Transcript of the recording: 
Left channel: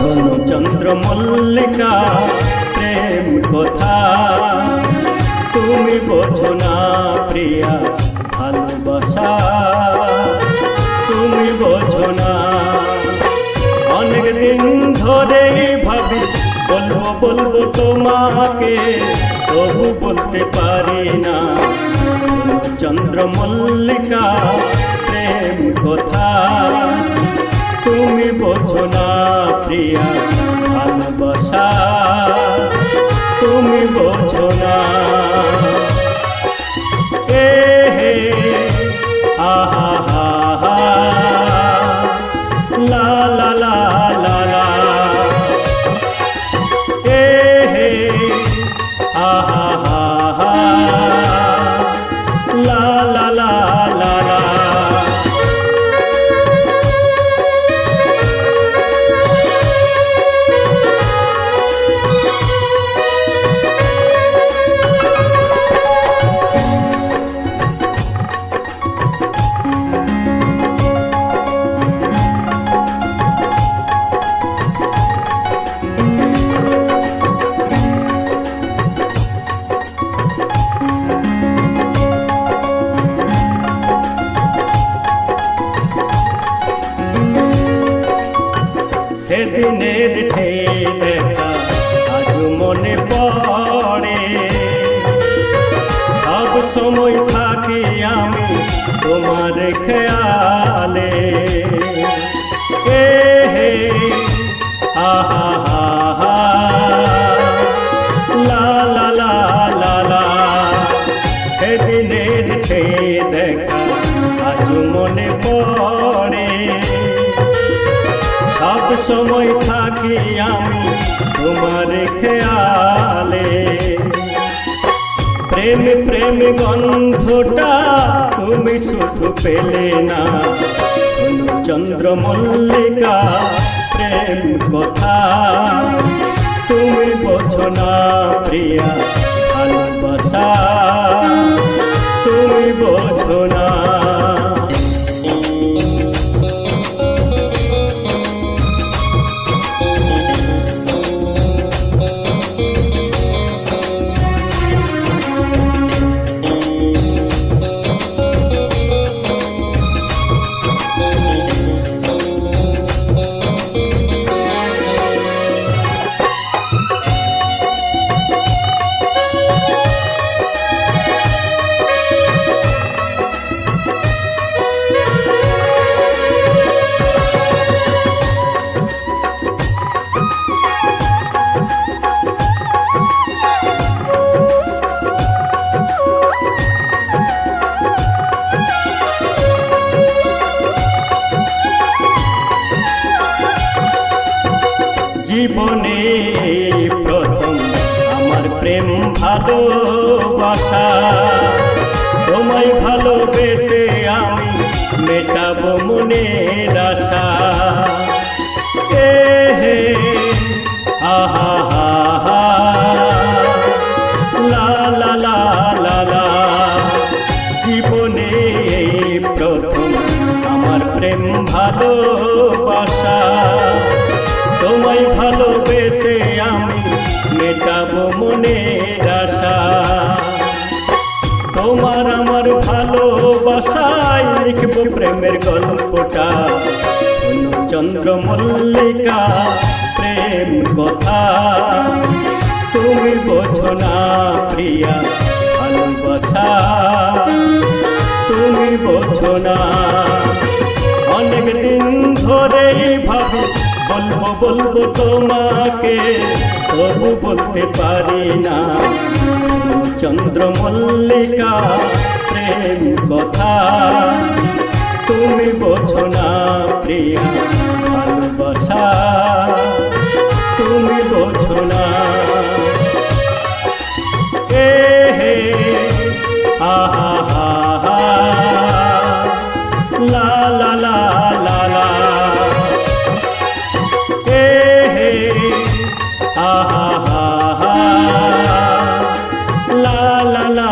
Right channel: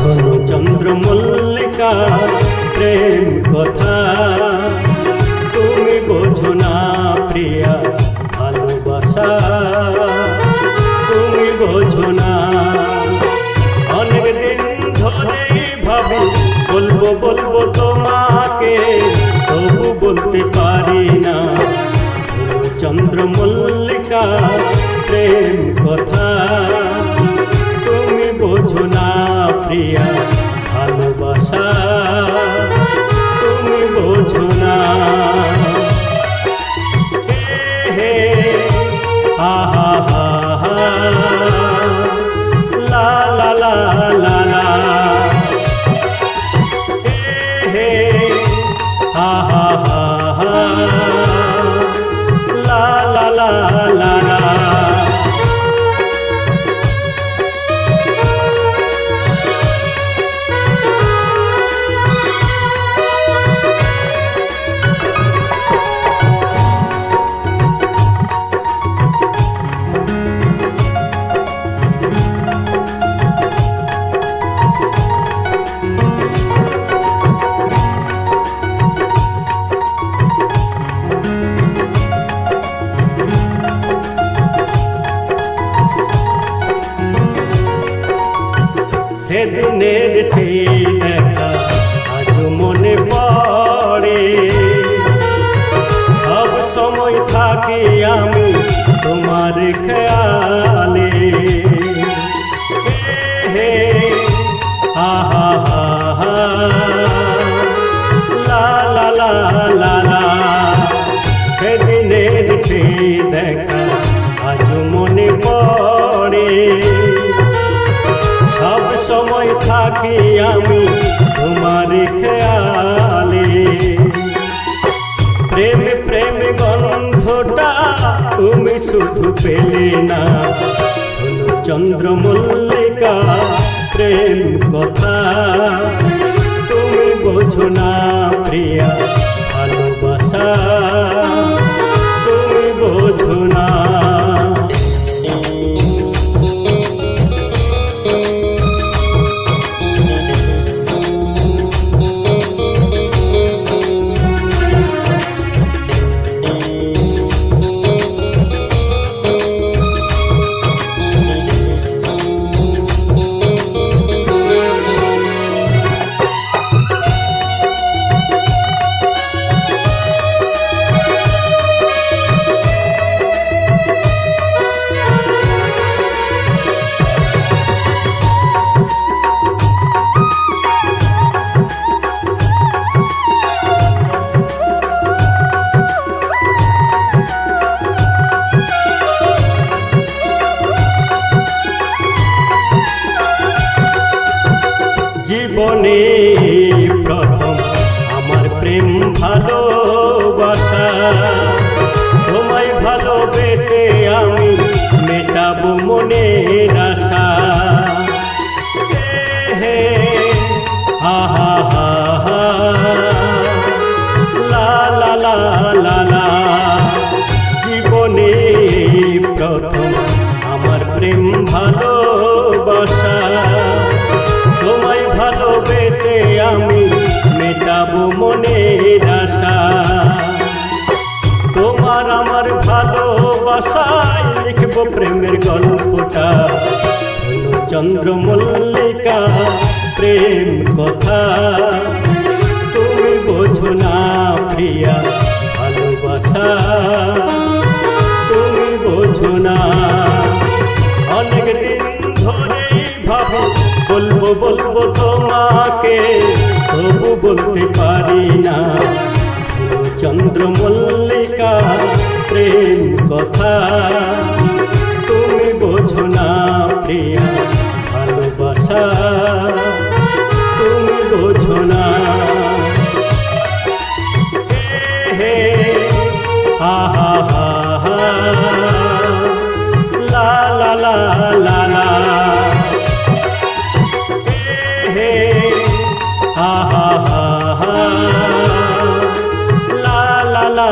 শোনো চন্দ্রমল্লিকা প্রেম কথা, তুমি বোঝো না প্রিয়া ভালোবাসা, তুমি বোঝো না। অনেক দিন ধরেই ভাবি বলবো বলবো তোমাকে, তবু বলতে পারি না। শোনো চন্দ্রমল্লিকা প্রেম কথা, তুমি বোঝো না প্রিয়া ভালোবাসা, তুমি বোঝো না। হে হে আহা হা হা, লা লা লা লা লা, হে হে আহা হা হা, লা লা লা লা লা। সেদিনের সেই দেখা আজ মনে পড়ে, সব সময় থাকি আমি তোমার খেয়ালে। হে হে আহা হা হা, লা লা লা লা লা, সেদিনের সেই দেখা আজ মনে পড়ে, সব সময় থাকি আমি তোমার খেয়ালে। প্রেম প্রেম গন্ধটা তুমি শুধু পেলে না, শোনো চন্দ্রমল্লিকা প্রেম কথা, তুমি বোঝো না প্রিয়া ভালোবাসা, তুমি বোঝো না। জীবনে প্রথম আমার প্রেম ভালোবাসা, তোমায় ভালোবেসে আমি মেটাবো মনের আশা। হে হে আহা হা হা, লা লা লা লা লা, জীবনে প্রথম আমার প্রেম ভালোবাসা, তোমায় ভালোবেসে আমি মেটাবো মনের আশা। তোমার আমার ভালোবাসায় লিখবো প্রেমের গল্পটা, শোনো চন্দ্রমল্লিকা প্রেম কথা, তুমি বোঝো না প্রিয়া ভালোবাসা, তুমি বোঝো না। অনেক দিন ধরেই ভাবি বলবো বলবো তোমাকে, তবু বলতে পারি না। শোনো চন্দ্রমল্লিকা প্রেম কথা, তুমি বোঝো না প্রিয়া ভালোবাসা, তুমি বোঝো না। হে হে আহা হা হা, লা লা লা লা লা, হে হে আহা হা হা, লা লা লা